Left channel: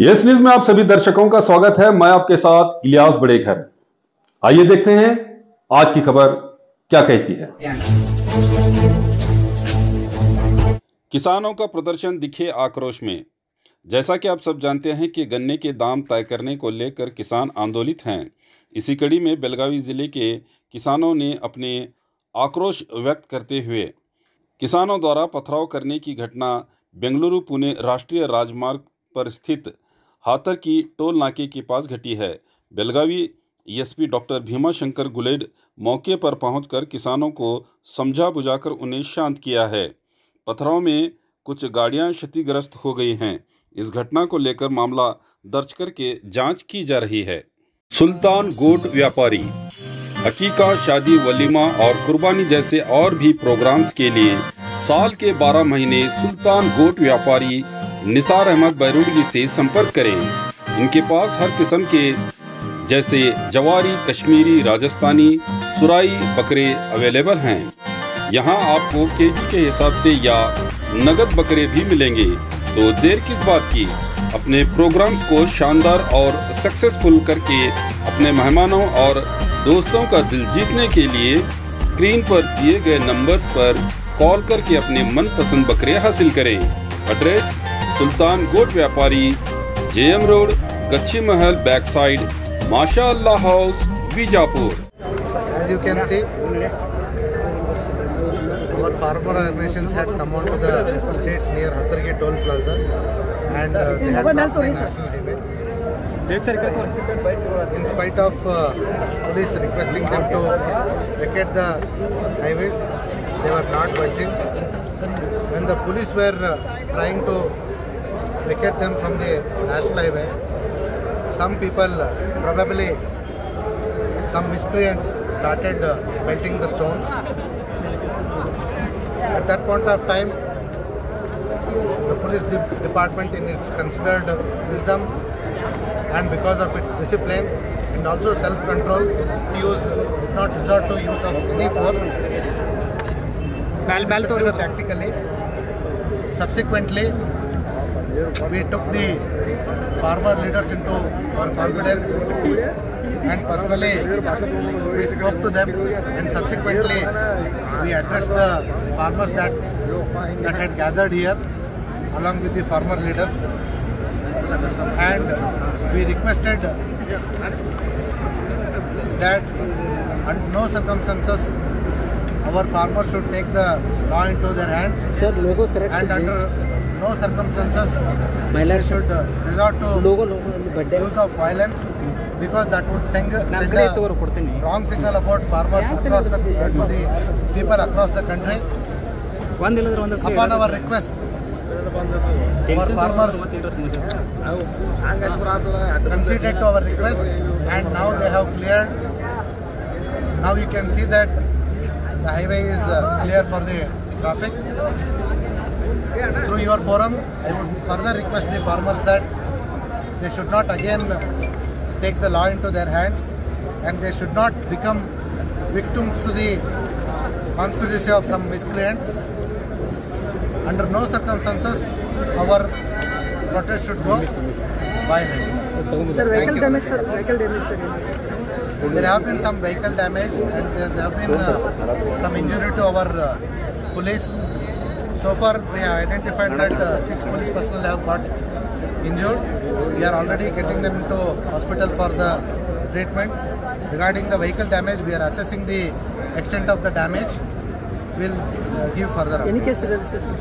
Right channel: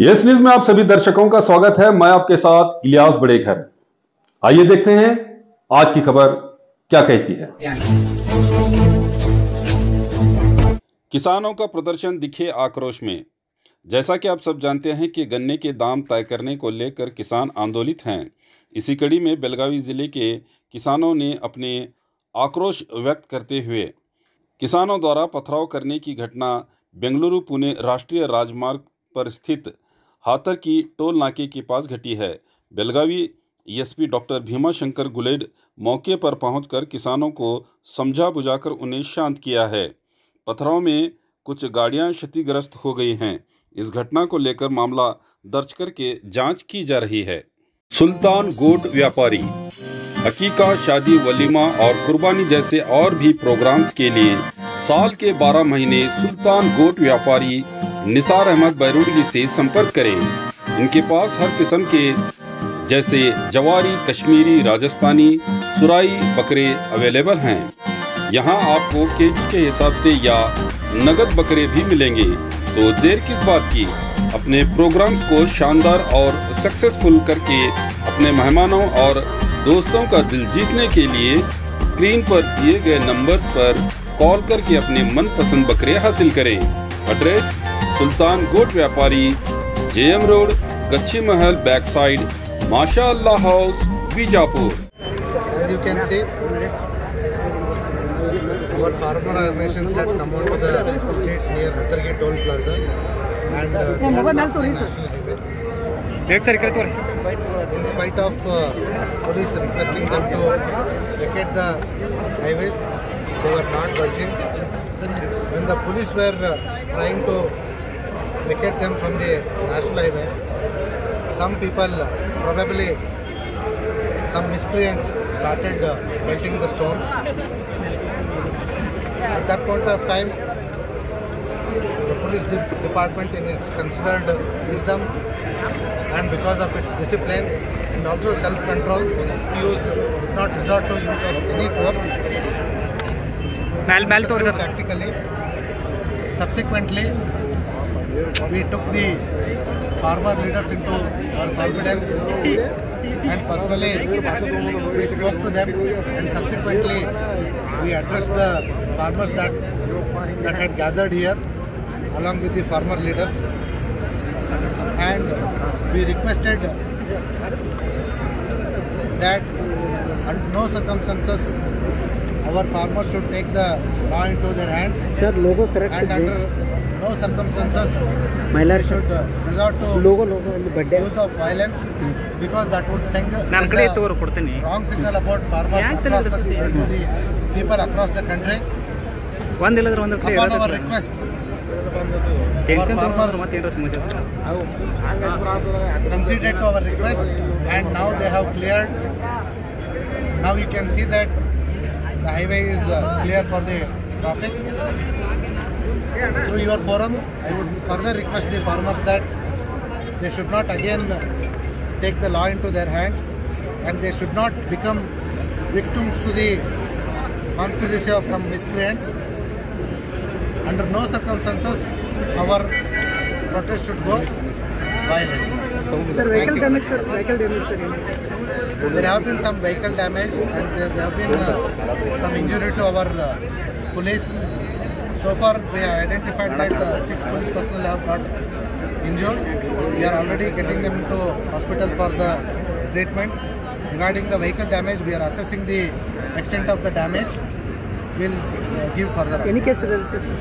Yes news में आप सभी दर्शकों का स्वागत है। मैं आपके साथ इलियास बड़ेखर। आइए देखते हैं आज की खबर क्या कहती है। किसानों का प्रदर्शन दिखे आक्रोश में। जैसा कि आप सब जानते हैं कि गन्ने के दाम तय करने को लेकर किसान आंदोलित हैं। इसी कड़ी में बेलगावी जिले के किसानों ने अपने आक्रोश व्यक्त करते हुए किसानों द्वारा पथराव करने की घटना बेंगलुरु पुणे राष्ट्रीय राजमार्ग पर स्थित हाथर की टोल नाके के पास घटी है। बेलगावी एसपी डॉक्टर भीमा शंकर गुलेड मौके पर पहुंचकर किसानों को समझा बुझाकर उन्हें शांत किया है। पथराव में कुछ गाड़ियां क्षतिग्रस्त हो गई हैं। इस घटना को लेकर मामला दर्ज करके जांच की जा रही है। सुल्तान गोट व्यापारी हकीका, शादी, वलीमा और कुर्बानी जैसे और भी प्रोग्राम्स के लिए साल के 12 महीने सुल्तान गोट व्यापारी निसार अहमद बैरुडगी से संपर्क करें। इनके पास हर किस्म के जैसे जवारी, कश्मीरी, राजस्थानी, सुराई बकरे अवेलेबल हैं। यहाँ आपको केजी के हिसाब से या नगद बकरे भी मिलेंगे। तो देर किस बात की, अपने प्रोग्राम्स को शानदार और सक्सेसफुल करके अपने मेहमानों और दोस्तों का दिल जीतने के लिए स्क्रीन पर दिए गए नंबर्स पर कॉल करके अपने मनपसंद बकरे हासिल करें। एड्रेस सुल्तान गोट व्यापारी, जेएम रोड, गच्छी महल बैक साइड, माशाअल्लाह house, Bijapur. As you can see, our farmer organizations had come on to the streets near Hathargi toll plaza and they had blocked the national highway. In spite of police requesting them to vacate the highways, they were not budging. When the police were trying to vacate them from the national highway, some people, probably some miscreants, started pelting the stones. At that point of time, the police department, in its considered wisdom and because of its discipline and also self-control, did not resort to use of any force. Tactically, subsequently, we took the farmer leaders into our confidence and personally we spoke to them, and subsequently we addressed the farmers that had gathered here along with the farmer leaders, and we requested that under no circumstances our farmers should take the law into their hands, and under no circumstances they should resort to use of violence, because that would send a wrong signal about farmers across to the people across the country. Upon our request, our farmers conceded to our request, and now they have cleared. Now you can see that the highway is clear for the traffic. Through your forum, I would further request the farmers that they should not again take the law into their hands, and they should not become victims to the conspiracy of some miscreants. Under no circumstances our protest should go violent. Thank you. There have been some vehicle damage and there have been some injury to our police. So far we have identified that 6 police personnel have got injured. We are already getting them into hospital for the treatment. Regarding the vehicle damage, we are assessing the extent of the damage. We will give further. Any case registration?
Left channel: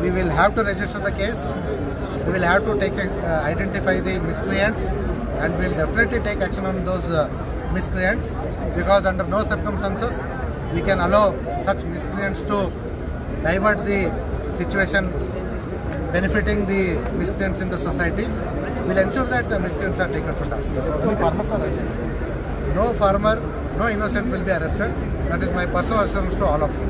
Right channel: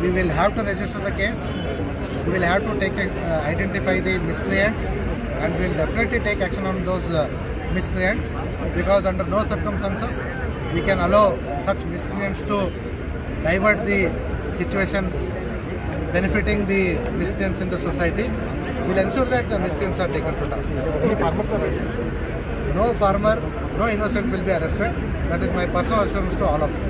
We will have to register the case. We will have to identify the miscreants, and we will definitely take action on those miscreants, because under no circumstances we can allow such miscreants to divert the situation benefiting the miscreants in the society. We will ensure that the miscreants are taken to task. Any farmers are arrested? No farmer, no innocent will be arrested. That is my personal assurance to all of you.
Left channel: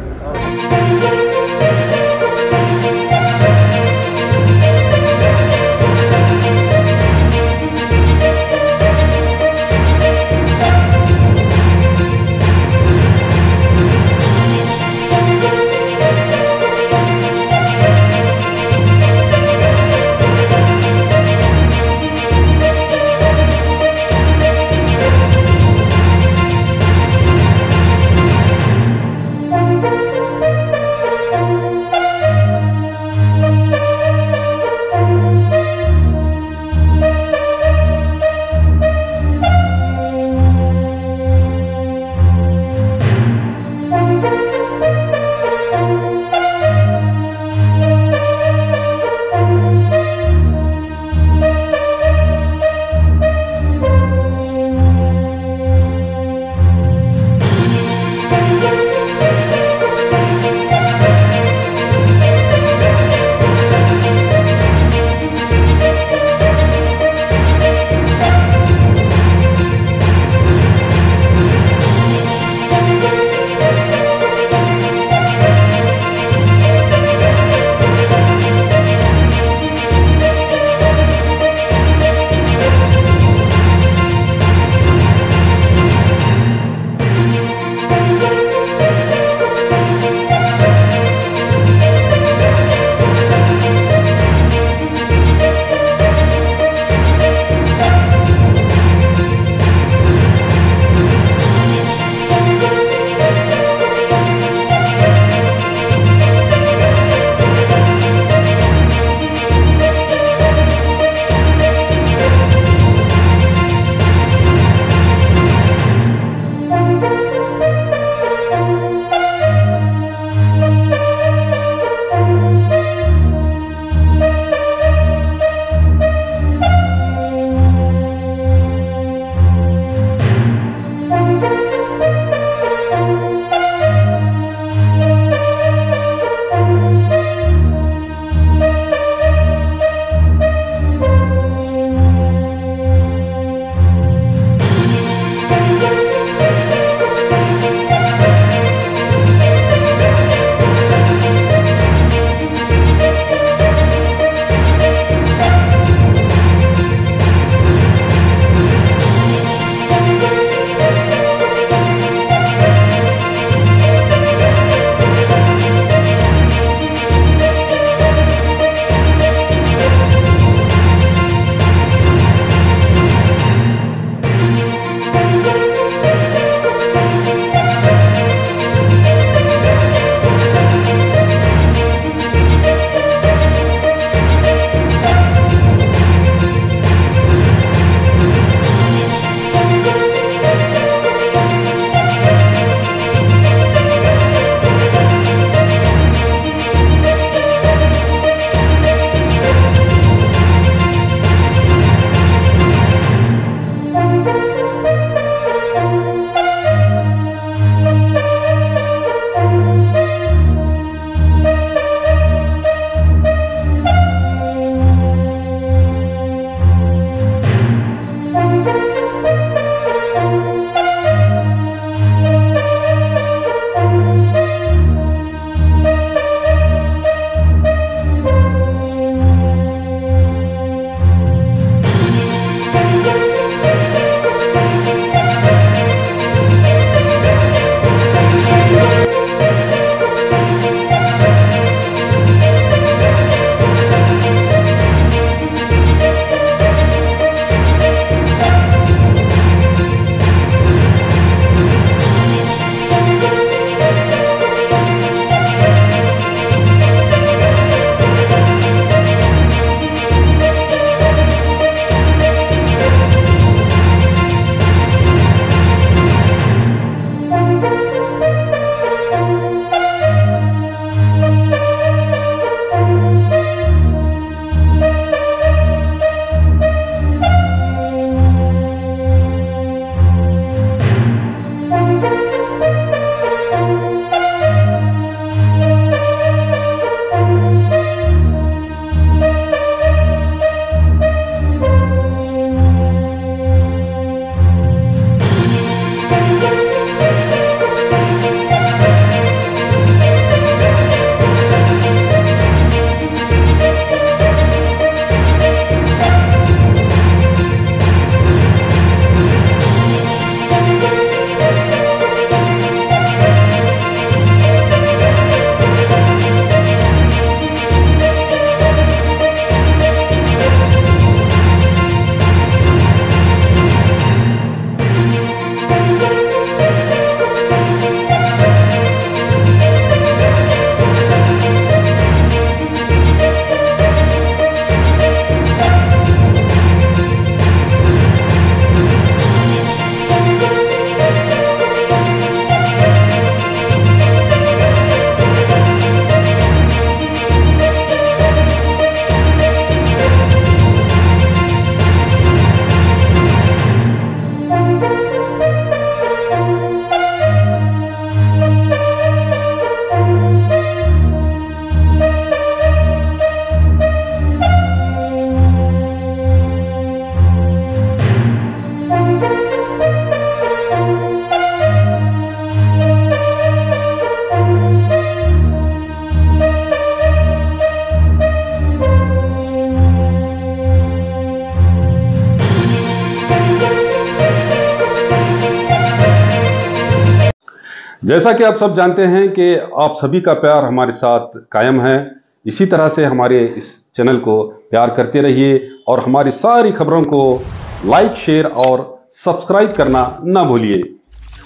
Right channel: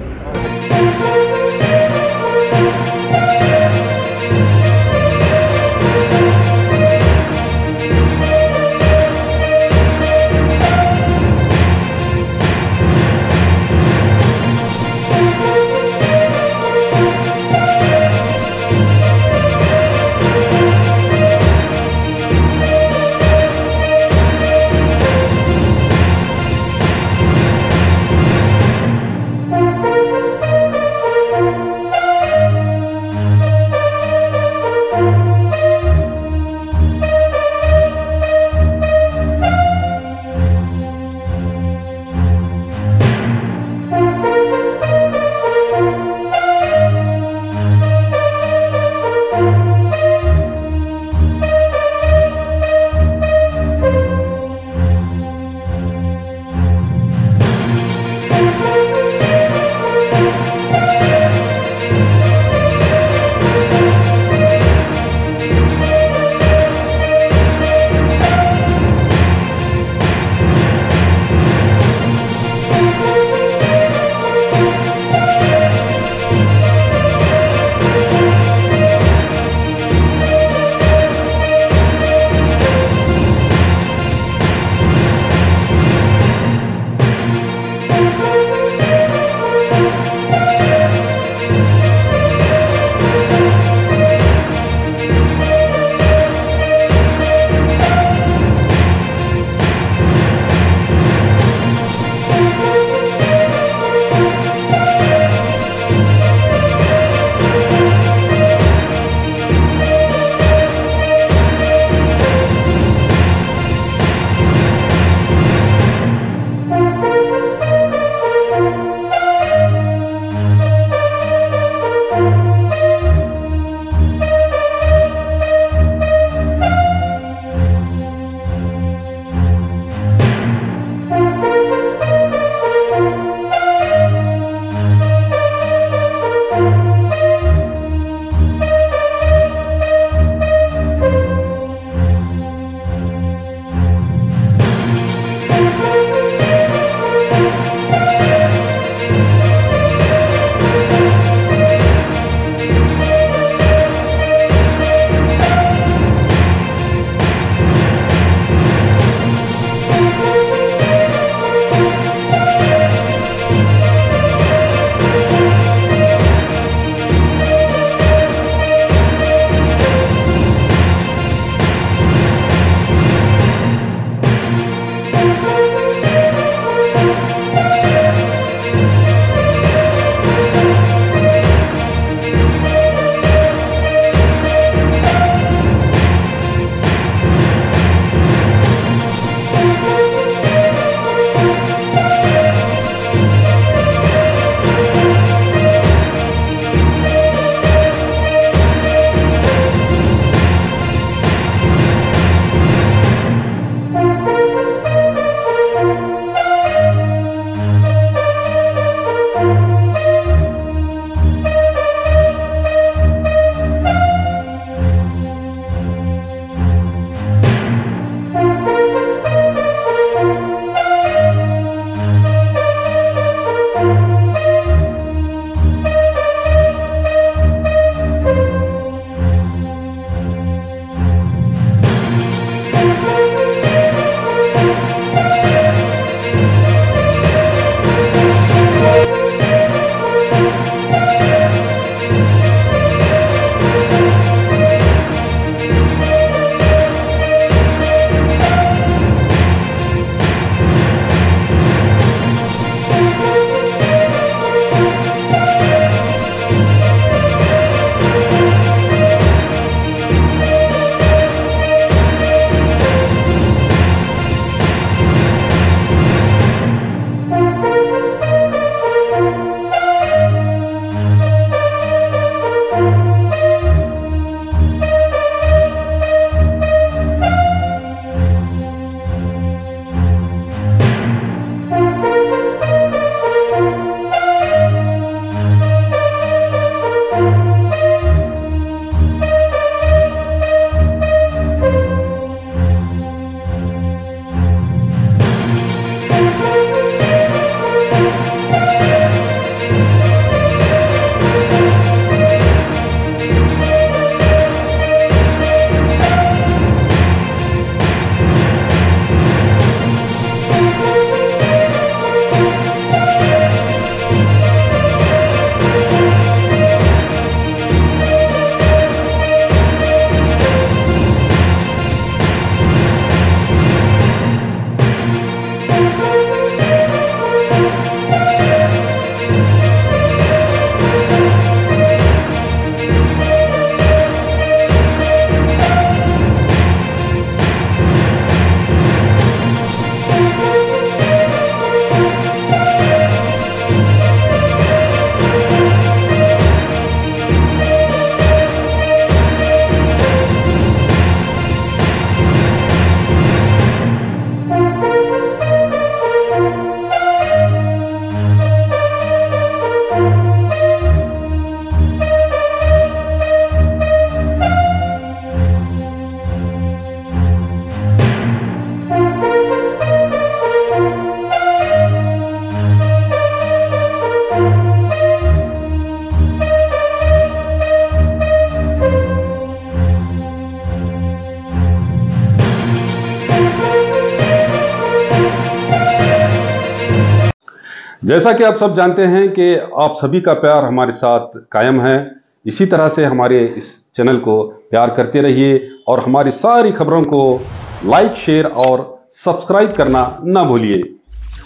जैसा कि आप सब जानते हैं कि आप सभी का प्यार हमारे साथ कायम है, इसी तरह से हमारे इस चैनल को प्यार करते रहिए और हमारी सारी खबरों को लाइक, शेयर और सब्सक्राइब करना ना भूलिए।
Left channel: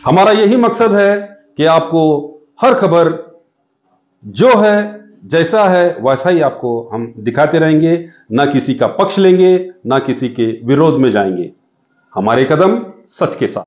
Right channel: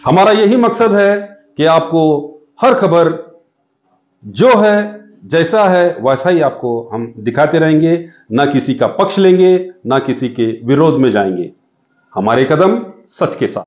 हमारा यही मकसद है कि आपको हर खबर जो है, जैसा है वैसा ही आपको हम दिखाते रहेंगे, ना किसी का पक्ष लेंगे, ना किसी के विरोध में जाएंगे। हमारे कदम सच के साथ।